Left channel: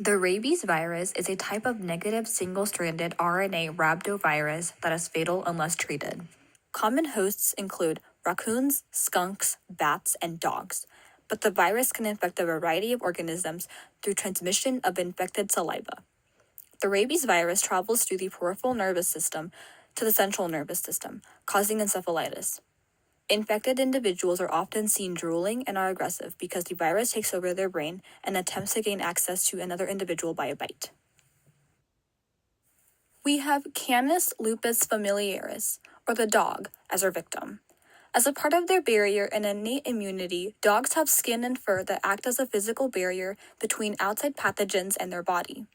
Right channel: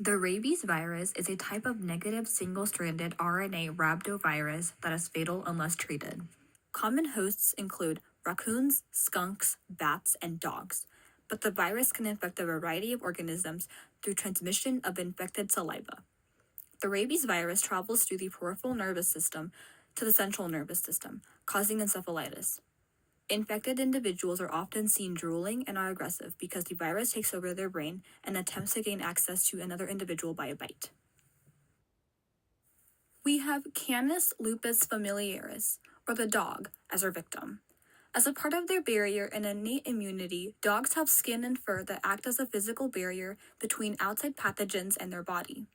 The rabies virus is a type of negative single-stranded RNA rhabdovirus that is fatal unless treated. Common hosts include raccoons, skunks, bats, and dogs, but the virus can infect a variety of organisms through transmission of infected saliva. The rabies virus travels through the peripheral nervous system to the central nervous system, causing encephalitis. Infected individuals are often seen drooling and are aggressive because the virus takes over their brain and attempts to gain access to another individual by a bite. We have Canis lupus familiaris, or the dog, as our victim. As a part of their barrier and innate immunity, dogs have skin and fur that act as a physical barrier between outside pathogens and their body.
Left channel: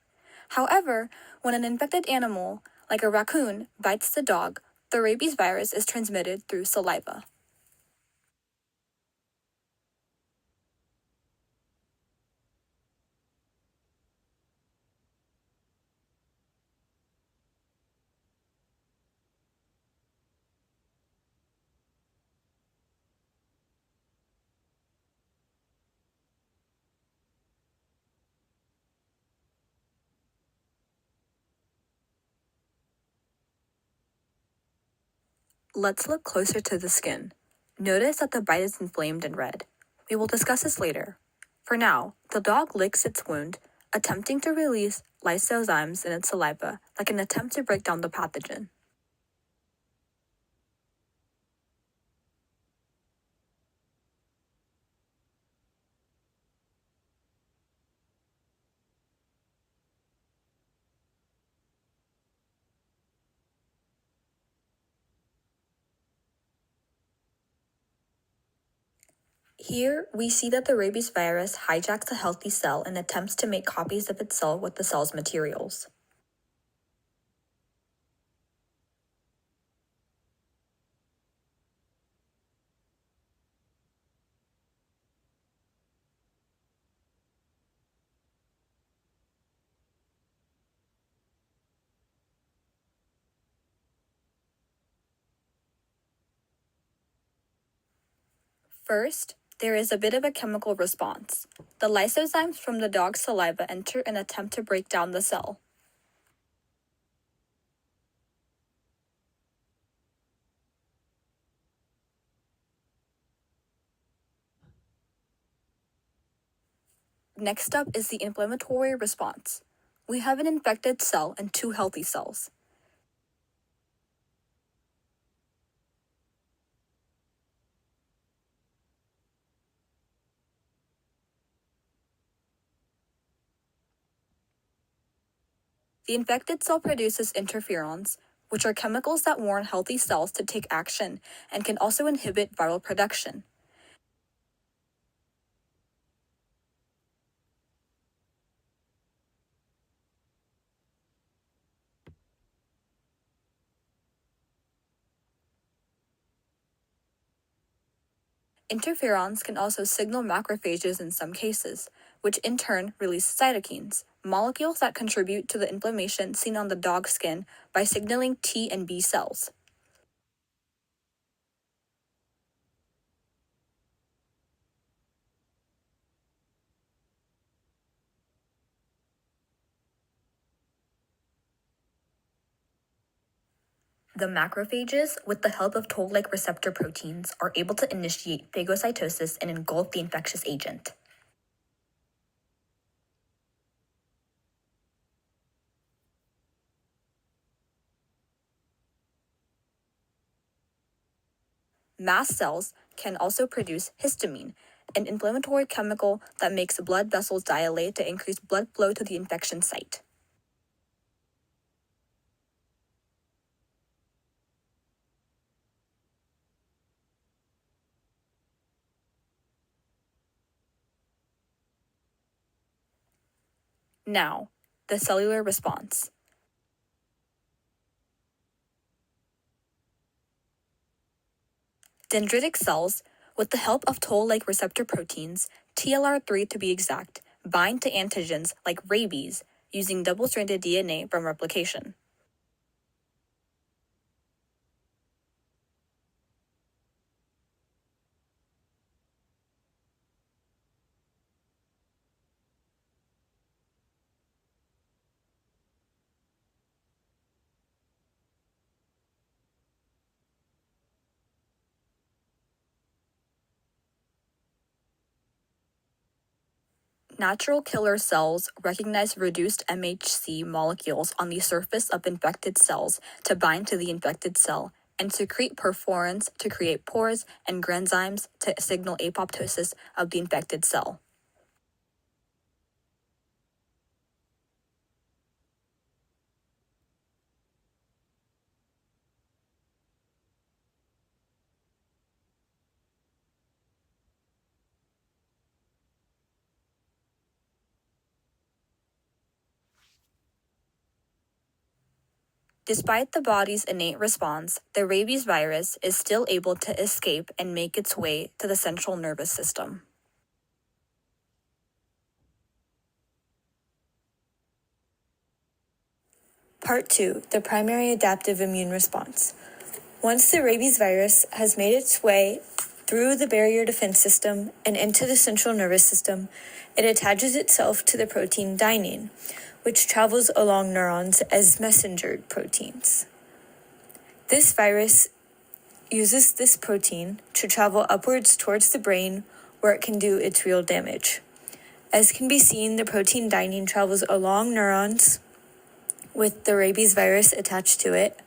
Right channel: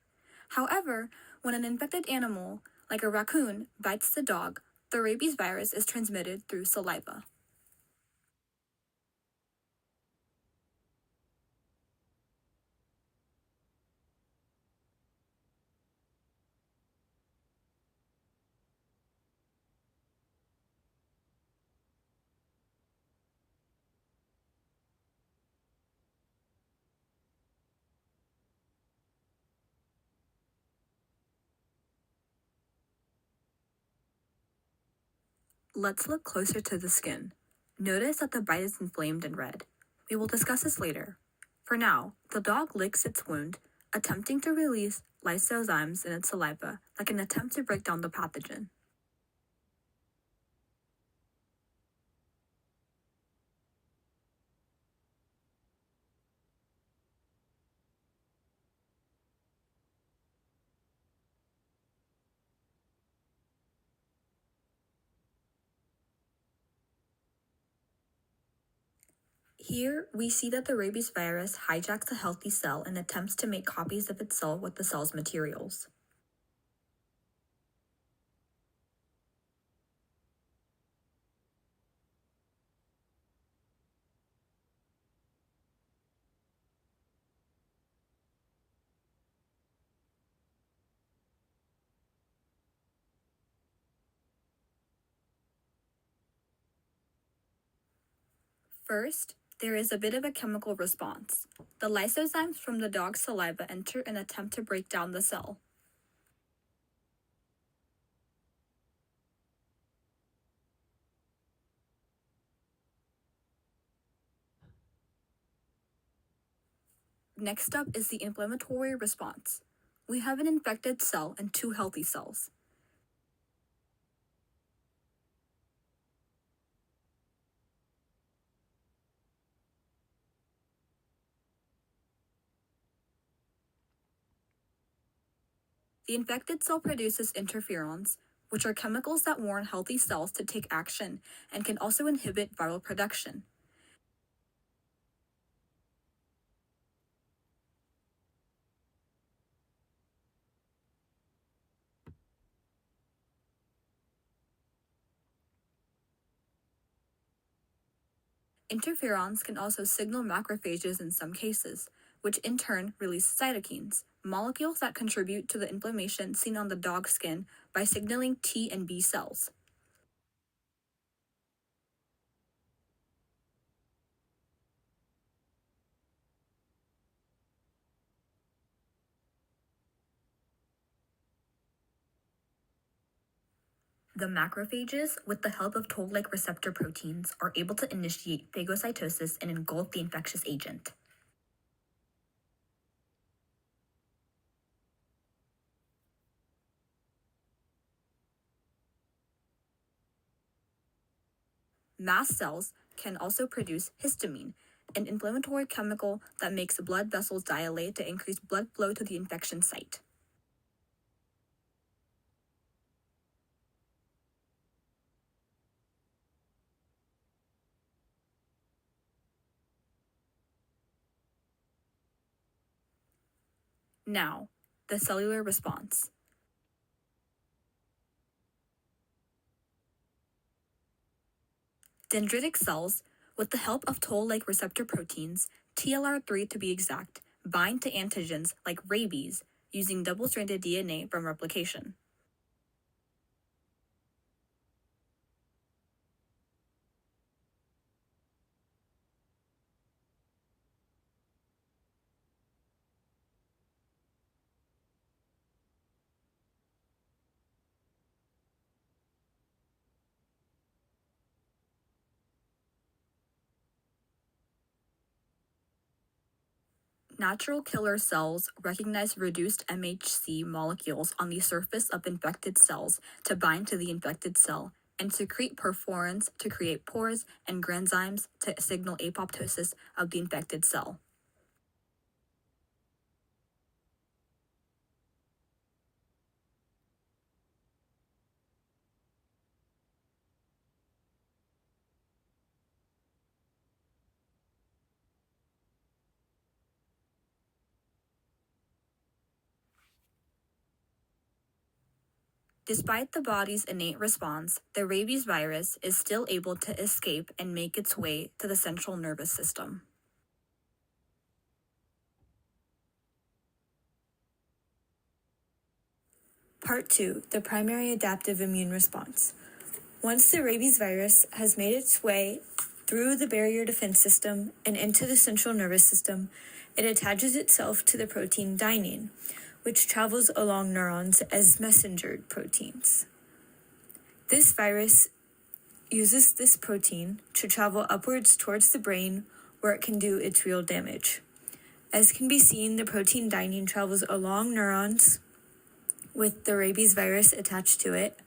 However, when an infected animal, like a raccoon, bites the dog, the rabies virus is transmitted through saliva. Let's look closer to the skin. Notice that the bite is inflamed and red. We will discuss this later. For now, the dog licks its wound, attempting to release lysozymes in its saliva, like an attempt to break down the pathogen. Here, we see that the rabies virus hijacks a healthy cell and attempts to make copies of itself with the cell's materials. First, there is a bit of a chemical response. The lysozymes from the dog's saliva enter and attempt to break down the cell. Next up is the inflammatory response. We have an infected cell and two healthy cells. The infected cell produces interferons, which are chemicals that warn healthy cells to take action and can also inhibit viral production. Interferons can also signal macrophages in some cases, which in turn release cytokines, molecules that contribute to the inflammation seen on the dog's skin by signaling T and B cells. The macrophages, with the help of toll-like receptor proteins, are able to initiate phagocytosis and engulf the infectious agent. Mast cells can also produce histamine, an inflammatory chemical that makes blood vessels dilate to increase blood flow to the infection site. Now, the cellular response. Dendritic cells, with the help of toll-like receptor proteins, TLR3 to be exact, bind to antigens like rabies using double-stranded DNA from replication. Natural killer cells recognize reduced MHC molecules on the surface of infected cells to bind to the infected cell and secrete perforins to create pores and granzymes to signal apoptosis of the infected cell. Despite the body's innate response, the rabies virus is still able to escape and make its way to the central nervous system. Part 2, the primary adaptive immune response. Once the rabies virus has made its way through the barrier defense system and into the central nervous system, it attaches itself to the protein dynein, which travels along neurons as messenger proteins. This virus uses this protein to travel upwards towards the brain where it can do its real damage. As can be seen, the protein dynein travels along neurons with the rabies virus attached to it,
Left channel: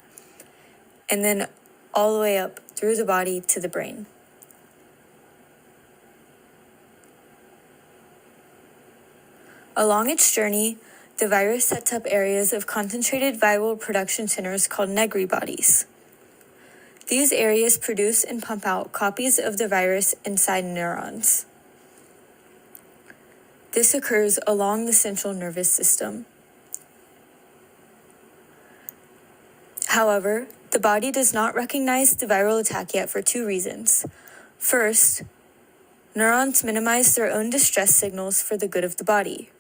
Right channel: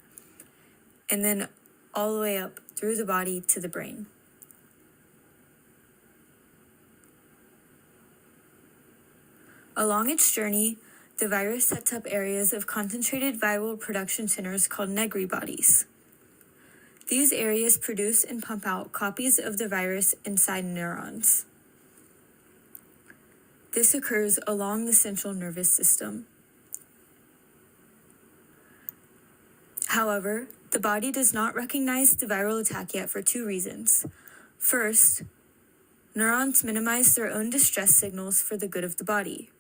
and then all the way up through the body to the brain. Along its journey, the virus sets up areas of concentrated viral production centers called Negri bodies. These areas produce and pump out copies of the virus inside neurons. This occurs along the central nervous system. However, the body does not recognize the viral attack yet for two reasons. First, neurons minimize their own distress signals for the good of the body.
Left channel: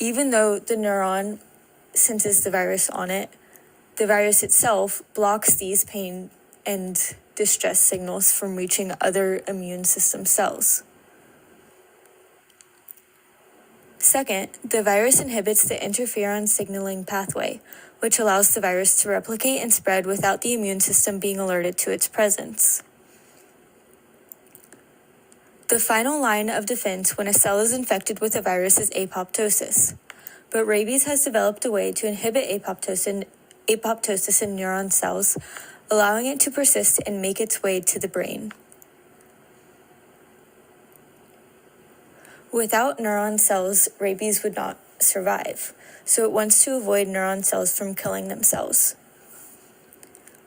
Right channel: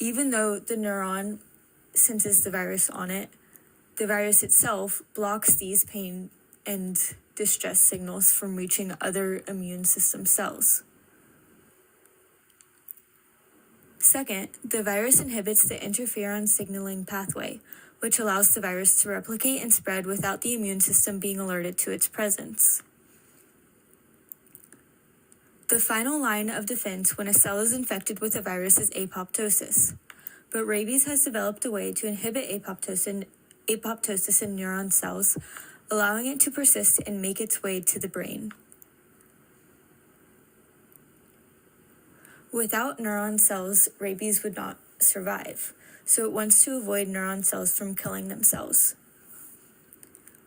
Even though the neuron senses the virus on it, the virus itself blocks these pain and distress signals from reaching other immune system cells. Second, the virus inhibits the interferon signaling pathway, which allows the virus to replicate and spread without the immune system being alerted to its presence. The final line of defense when a cell is infected with a virus is apoptosis, but rabies has developed a way to inhibit apoptosis in neuron cells, allowing it to persist and make its way to the brain. Without neuron cells, rabies would not survive, so it wants to avoid neuron cells from killing themselves.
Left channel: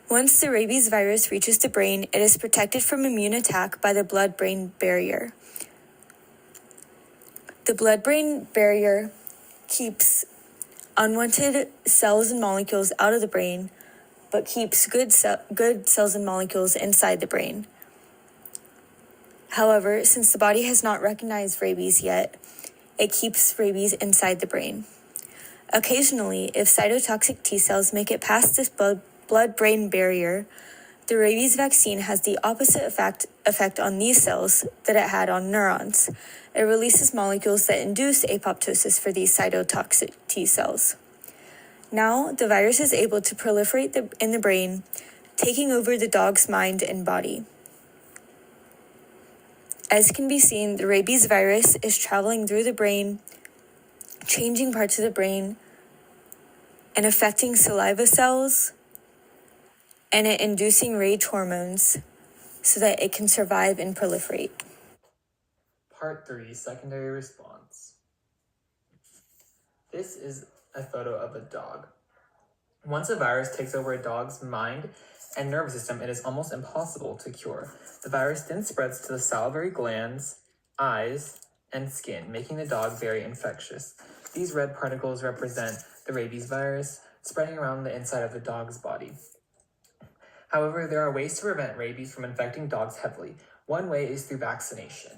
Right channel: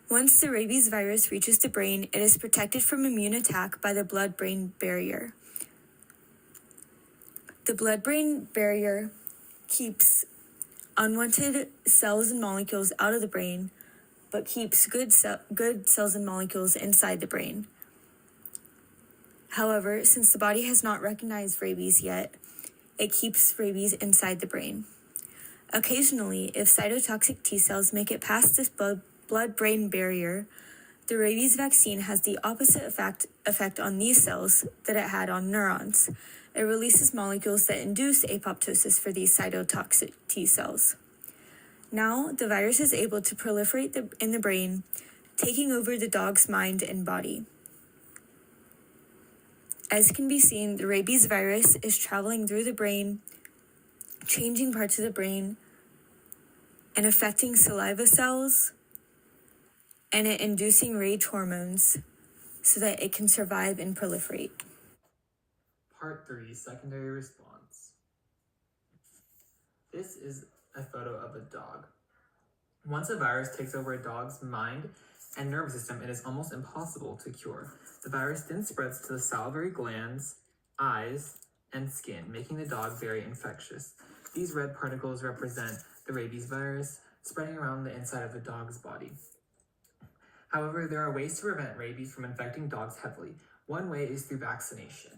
Once the rabies virus reaches the brain, it is protected from immune attack by the blood-brain barrier. The blood-brain barrier keeps unwanted cells and molecules out of the brain, but keeps good cells and molecules inside the brain. However, since the body has not recognized rabies yet, it keeps rabies inside the brain. Occasionally, if cytotoxic T cells make it past this blood-brain barrier, the rabies vaccine has the opposite effect on these cells that it had on neurons. It releases molecules that induce apoptosis for these cytotoxic T cells. Now, the virus is able to proliferate in the brain, taking over the dog's mind and body. As can be seen, the rabies virus is traveling through the brain, changing parts of the brain, and affecting saliva cells, and it inducing rage hormones so that it can survive and proliferate. Part 3, secondary response. This is a photo of a dog. Once a virus takes over a dog's mind and nervous system, it is almost impossible to cure. The virus then spreads to the salivary glands, eyes, and skin, making the dog very infectious. These red particles represent the rabies virus spreading around the inside of the dog's body. However, there are ways to prevent rabies from infecting dogs heavily. One way is through vaccination.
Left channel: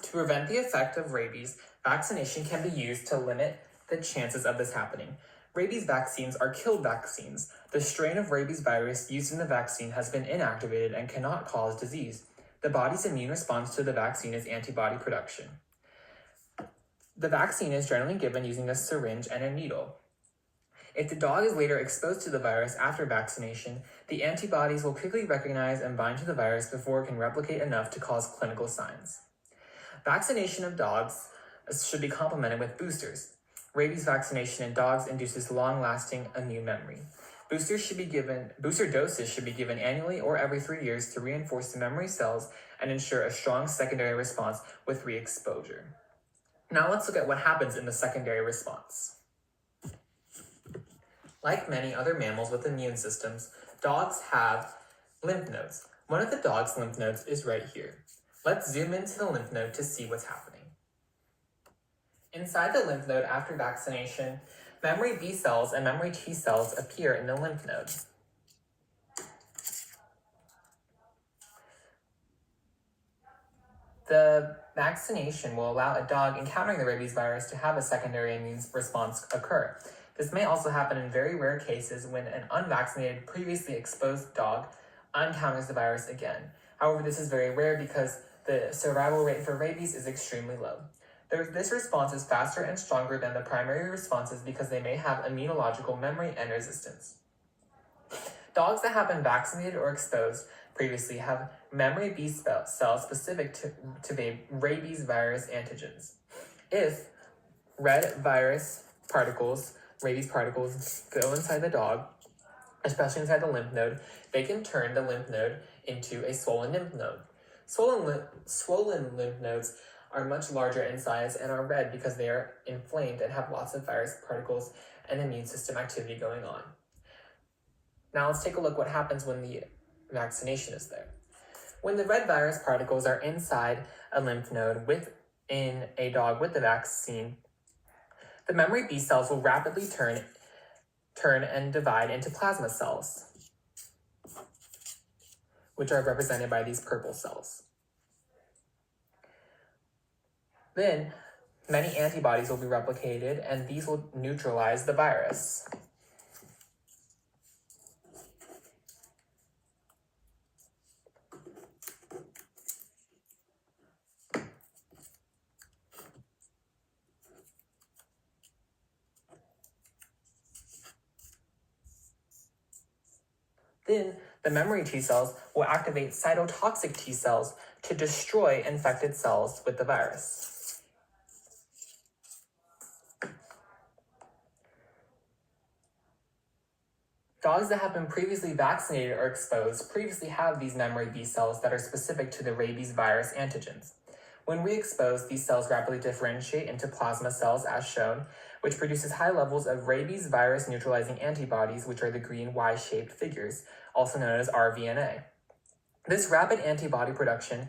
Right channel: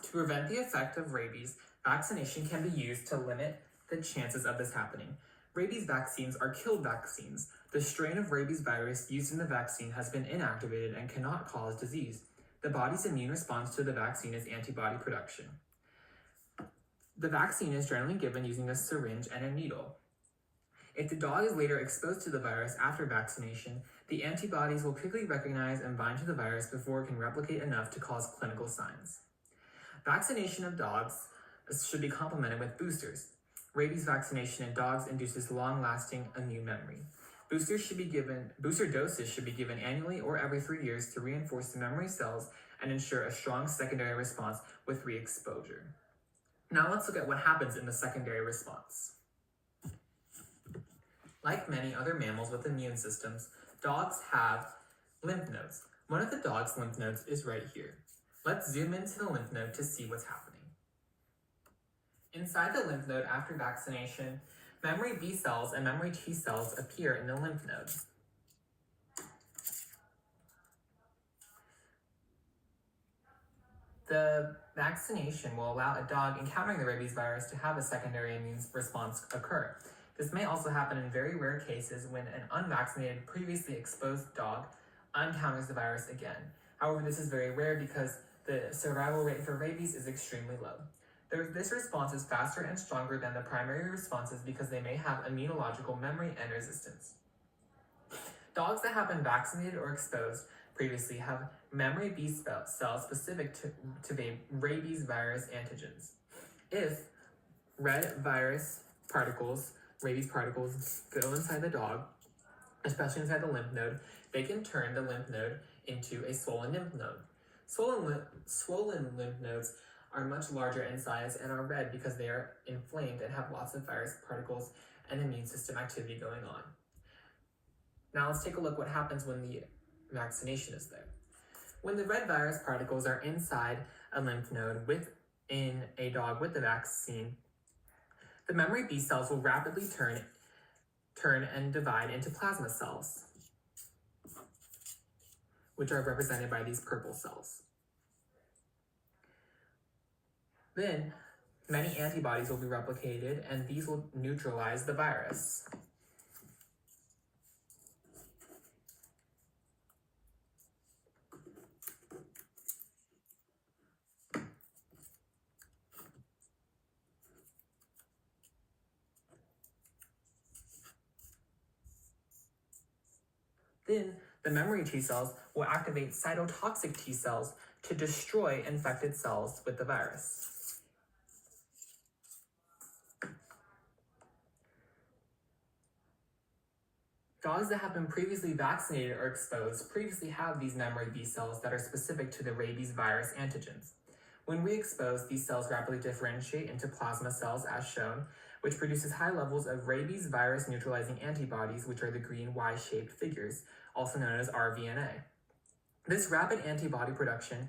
To prevent the effect of rabies, vaccination can be used to limit the chances of this happening. Rabies vaccines are killed vaccines. The strain of rabies virus used in the vaccine has been inactivated and cannot cause disease. The body's immune response to the vaccine is antibody production. The vaccine is generally given using a syringe and a needle. If the dog is later exposed to the virus after vaccination, the antibodies will quickly recognize and bind to the virus before it can replicate enough to cause clinical signs. Vaccination of dogs should be complemented with boosters. Rabies vaccination in dogs induces long-lasting immune memory. Booster doses should be given annually or every 3 years to reinforce the memory cells and ensure a strong secondary response with re-exposure. Now let's look at what happens in the secondary response. Like many other mammals with immune systems, dogs have lymph nodes. One of the dog's lymph nodes is right here. Let's zoom into the lymph node to see what's happening. Inside the lymph node after vaccination, memory B cells and memory T cells appear in the lymph node. The vaccination will allow a dog encountering the rabies virus to have a secondary immune response occur. This may also happen in very rare cases when an unvaccinated, previously exposed dog encounters the virus again. However, this is very rare because the survival rate for rabies is extremely low. This response is faster and stronger than the primary responses because they may have immunological memory and resistance. Dogs that have been vaccinated or exposed previously have memory B cells specific to the rabies virus antigens. If rabies particles go inside the dog, especially inside the lymph node, they can turn the lymph node into a swollen lymph node. Swollen lymph nodes are much larger in size and are red because they are inflamed and have lots of virus particles and immune system activity going on. Now let's take a look what happens when the vaccination is there. When the red virus particles are inside a lymph node within a dog with the vaccine, the memory B cells will rapidly turn and divide into plasma cells, which are represented by these purple cells. Then, many antibodies will be replicated, and these will neutralize the virus. Then, the memory T cells will activate cytotoxic T cells to destroy infected cells with the virus. Dogs that have been previously vaccinated or exposed previously have these memory B cells that are specific to the rabies virus antigens. When re-exposed, these cells rapidly differentiate into plasma cells as shown, which produces high levels of rabies virus neutralizing antibodies, which are the green Y-shaped figures, also known as rVNA. This rapid antibody production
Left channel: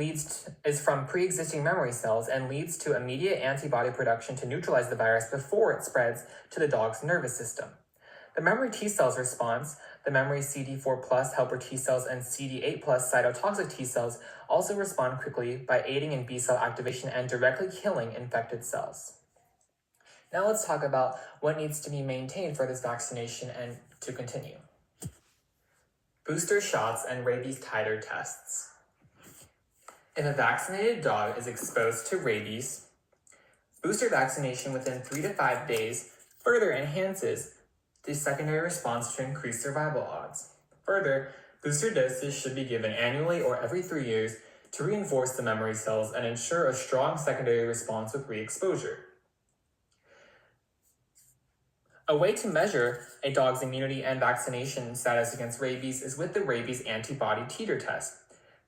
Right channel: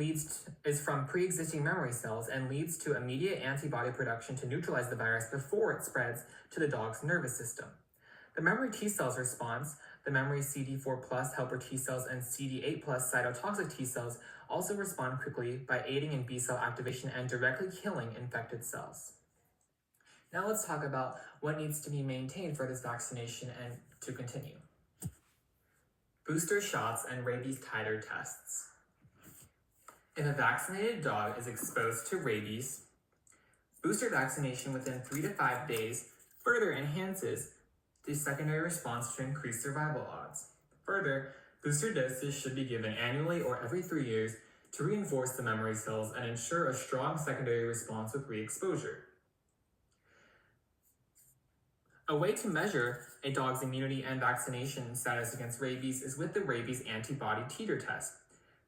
is from pre-existing memory cells and leads to immediate antibody production to neutralize the virus before it spreads to the dog's nervous system. The memory T cells response, the memory CD4+ helper T cells and CD8+ cytotoxic T cells also respond quickly by aiding in B cell activation and directly killing infected cells. Now let's talk about what needs to be maintained for this vaccination and to continue. Booster shots and rabies titer tests. If a vaccinated dog is exposed to rabies, booster vaccination within 3 to 5 days further enhances the secondary response to increase survival odds. Further, booster doses should be given annually or every 3 years to reinforce the memory cells and ensure a strong secondary response with re-exposure. A way to measure a dog's immunity and vaccination status against rabies is with the rabies antibody titer test.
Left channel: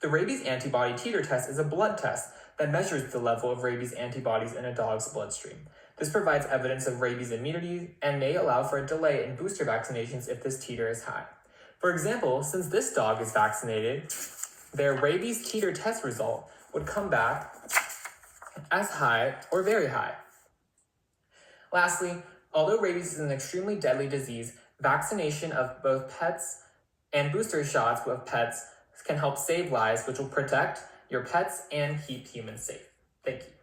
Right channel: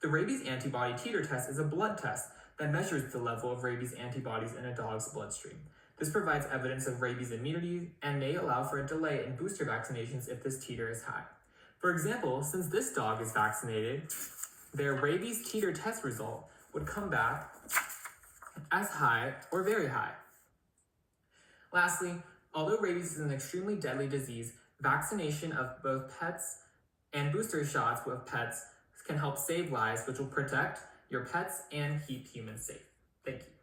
The rabies antibody titer test is a blood test that measures the level of rabies antibodies in a dog's bloodstream. This provides evidence of rabies immunity and may allow for a delay in booster vaccinations if this titer is high. For example, since this dog is vaccinated, their rabies titer test result would come back as high or very high. Lastly, although rabies is an extremely deadly disease, vaccination of both pets and booster shots of pets can help save lives, which will protect your pets and keep humans safe. Thank you.